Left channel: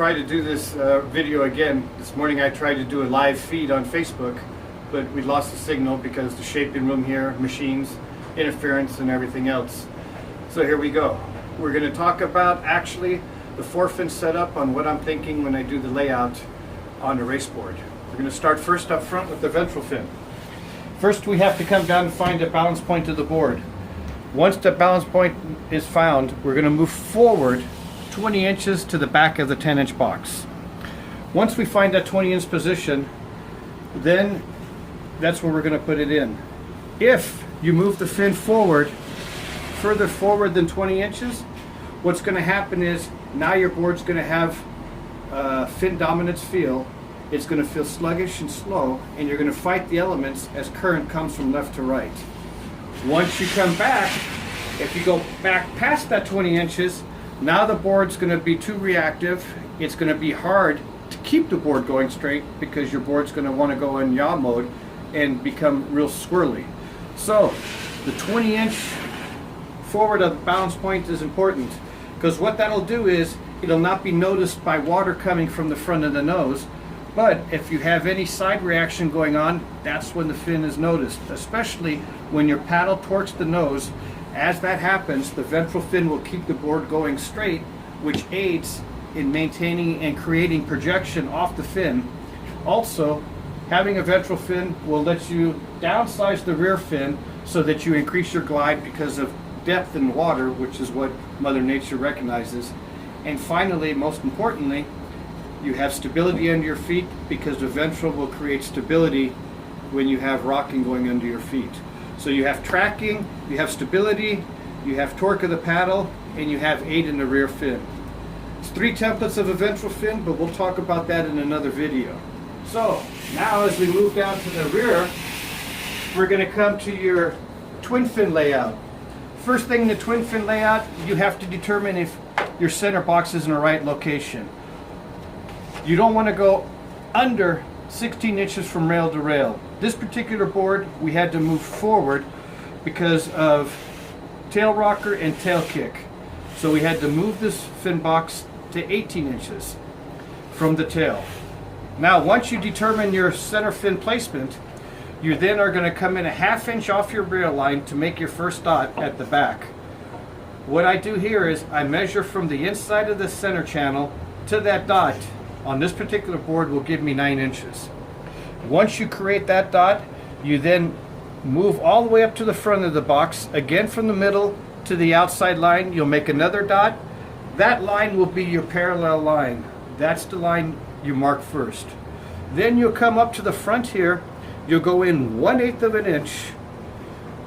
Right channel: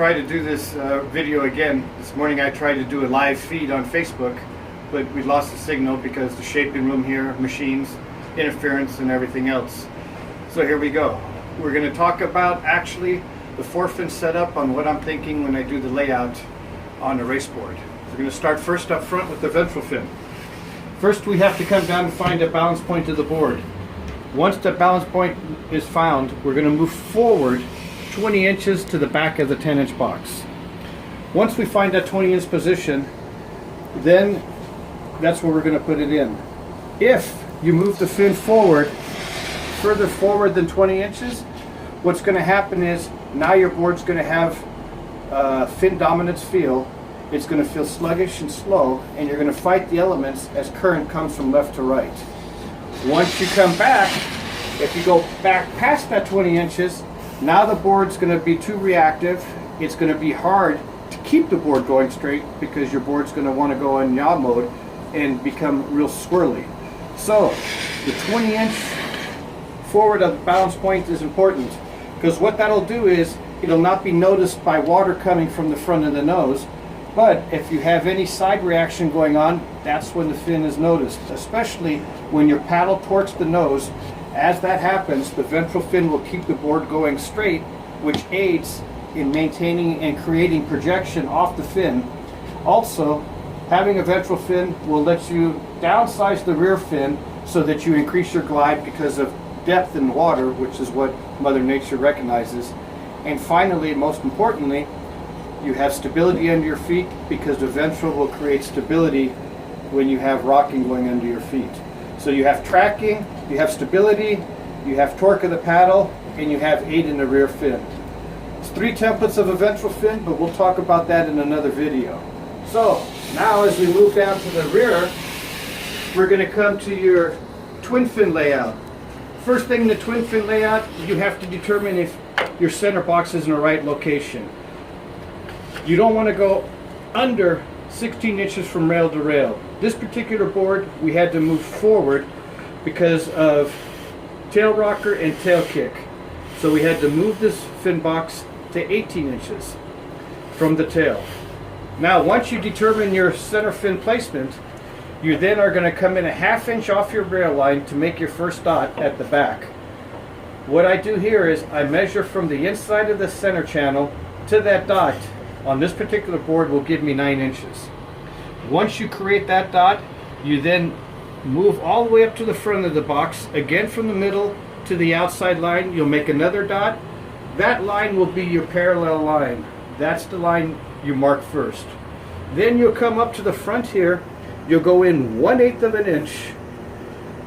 Try to do this video again. This morning I tried to do a live feed on Facebook, but we lost the signal because the shaping room here, machines, interference, and everything else. So here we go. We're going to talk about actually the forefin setup on what I'm thinking when I do the layout on the Raceboard. We're going to start first up front with the ventral fin. First we have to come down and find a balance point of the board. Once the balance point is found, we're going to move forward 20 inches to the back of the 10-inch box. Once we find that 20-inch position, then that's where we're going to put it in. If you move the fin forward, further forward than 20 inches, what's going to happen is now your board's going to have fin dominance feel. It's going to feel sluggish and slow, and you're going to fight the elements as current comes from left to right. Once you come back, if you go back past that 20 inches, now the board's going to be too reactive. It's going to be hard to keep the board going straight because your board's going to want to go in yaw mode and become real swirly. So the 20-inch forward of the balance point is important because what that'll do is it'll not be noticed by water coming from the front of the nose, but if you have any side reaction going on, that's when the fin is noticed, especially when your paddle torques the nose. As that happens, the ventral fin will keep the board going straight, which aids in maintaining and creating projection off the fin. Also, having a ventral fin will let you downsize the rear fin so that you increase your glide because of depth in water, which is what Mother Nature recognizes. And finally, most importantly, you have stability under your feet because the ventral will create stability when you have rocking going under your feet. So you have tracking, you have stability, you have torque of the paddle, and you have aid in the rear fin. It's 3 templates of a ventral fin, but we'll talk about that in another video. So now as we move down to the rear, we're going to come to your twin fin layout. First thing in the twin fin layout, you have to determine if your center box is in the right location. You don't want to go under 16 inches from rail to rail. This particular board we had to move forward because of tail rocker and tail kick. So we had to move this fin box to 18 inches from the tail. Now once you determine your center fin placement, you then are going to come in a 1/2 inch off your rail line to make your first dot at the back. What I do here is I measure from the inside of the center channel to that dot on this particular board will give me 9 inches. Once you create that dot, you then move all the way up to the front of the box, again from the middle to the outside line. You'll make another dot. That line will be your parallel line. That's the line you mark first. Then you'll come up to the front here. You'll go in 1/8 of an inch,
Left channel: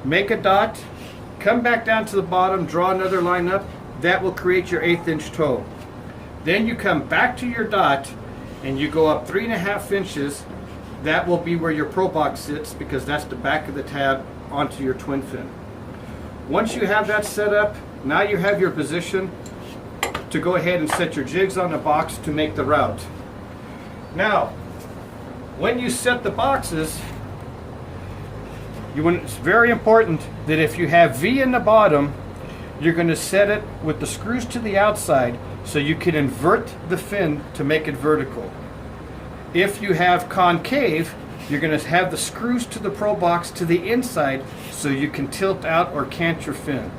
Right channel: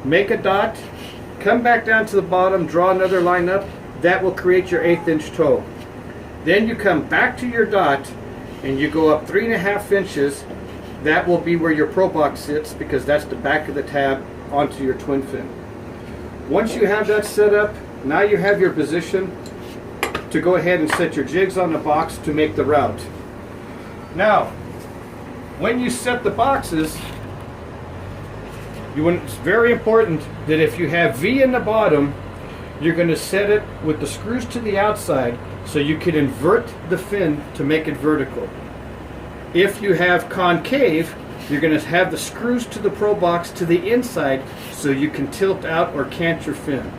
make a dot, come back down to the bottom, draw another line up. That will create your 1/8 inch toe. Then you come back to your dot and you go up 3.5 inches. That will be where your pro box sits because that's the back of the tab onto your twin fin. Once you have that set up, now you have your position to go ahead and set your jigs on the box to make the route. Now, when you set the boxes, it's very important that if you have V in the bottom, you're going to set it with the screws to the outside so you can invert the fin to make it vertical. If you have concave, you're going to have the screws to the pro box to the inside so you can tilt out or cant your fin.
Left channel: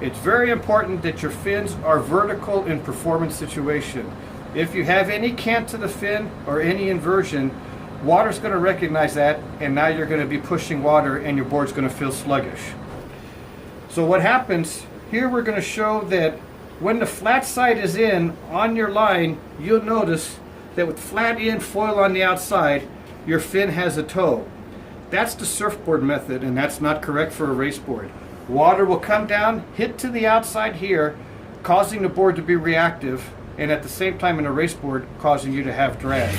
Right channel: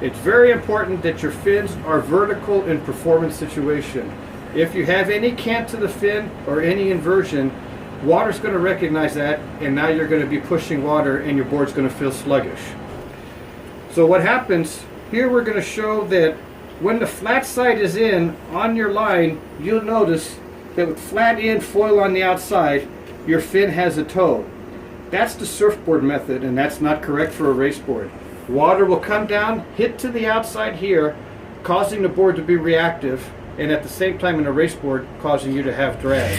It's very important that your fins are vertical in performance situation. If you have any cant to the fin or any inversion, water's going to recognize that, and now you're going to be pushing water and your board's going to feel sluggish. So what happens, here we're going to show that when the flat side is in on your line, you'll notice that with flat in foil on the outside, your fin has a toe. That's the surfboard method, and that's not correct for a raceboard. Water will come down, hit to the outside here, causing the board to be reactive, and at the same time in a raceboard, causing you to have drag.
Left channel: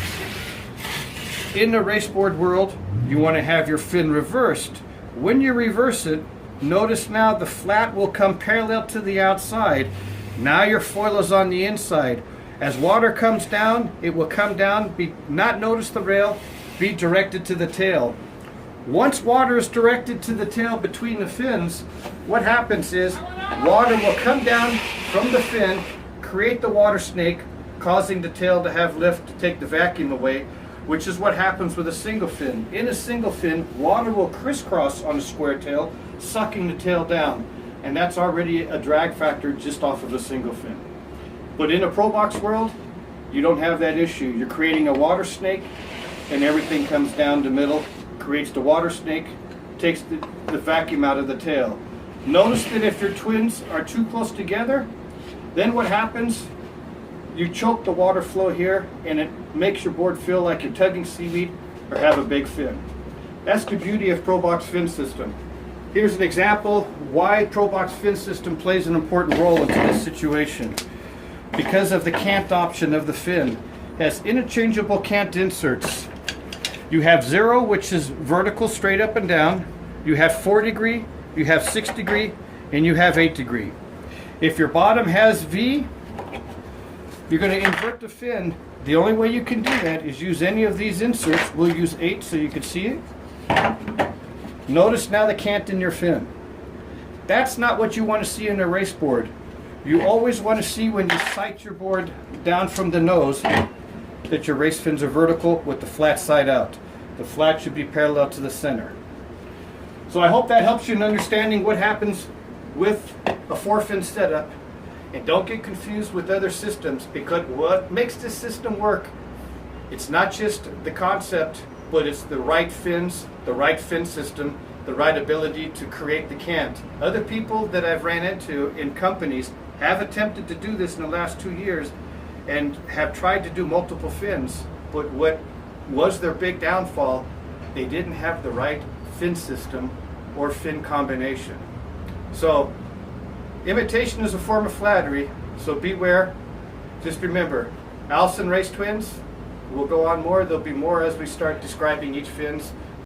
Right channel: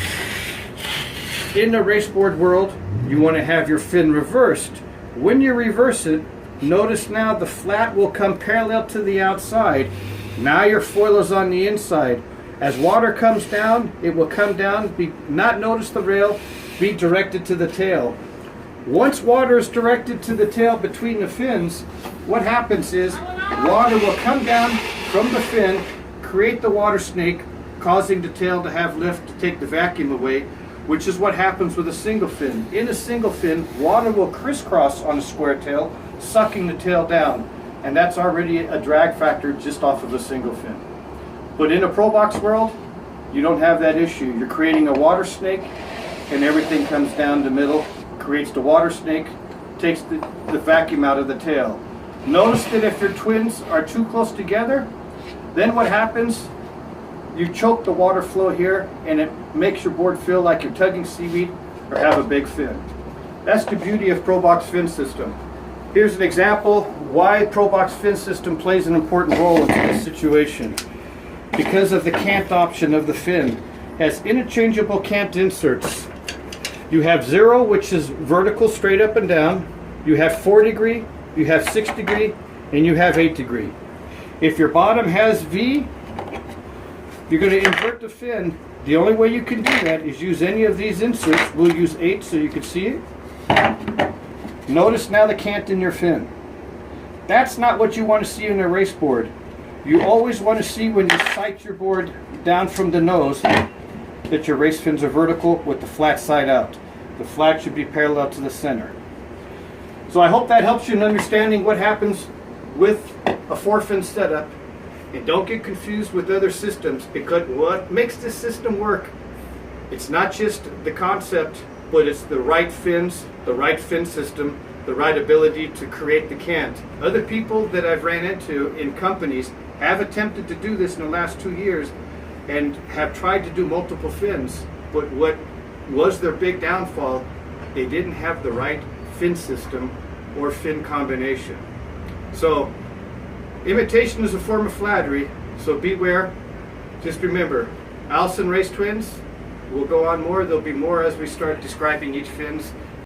In the raceboard world, you want to have your fin reversed. When you reverse it, notice now the flat will come parallel to the outside. Now your foil is on the inside. As water comes down, it will come down, not notice the rail, be directed to the tail. Once water is directed to the tail between the fins, what happens is water will come down from the fin, create the water snake, causing the tail to have lift to take the vacuum away, which is what happens with a single fin. In a single fin, water will crisscross on a square tail, sucking the tail down, and that's already a drag factor just off of a single fin. But in a Pro Box world, you don't have that issue. You're creating a water snake, and everything comes down the middle, creates the water snake, takes the vacuum out of the tail. Notice that if your twins are too close together, then what happens? You choke the water flow here, and it makes your board feel like you're tugging seaweed or have a big fin. That's the beauty of Pro Box fin system. Here's an example why Pro Box fin system plays an important role in this situation. Because of the cant option of the fin, it has interchangeable cant inserts. You have 0, which is vertical, straight up and down. You have 4 degree, you have 6 degree, and you have 8 degree. If your bottom has V, you're going to invert the fin. The only way you can do that is use any of these inserts. We'll use 8 so you can see it. Notice now the cant in your fin. That's not what you want to see in a race board. You always want to see when you sight your board down from the nose that your race fins are vertical with the flat side out. The flat should be parallel to the center. So I hope that helps you in understanding what happens with a 4-fin setup. And don't get confused with other systems, because what makes this system work, it's not just the concept, but it's the right fins, the right fin system, the right ability to create the cant. Other people that I've ran into in companies have attempted to do this in the last 2 years and have tried to do multiple fins, but what was their big downfall, they didn't have the right fin system or fin combination. So imitation is a form of flattery, so beware. Just remember, Allison race twins, we'll go on more. There'll be more as we start describing each fins.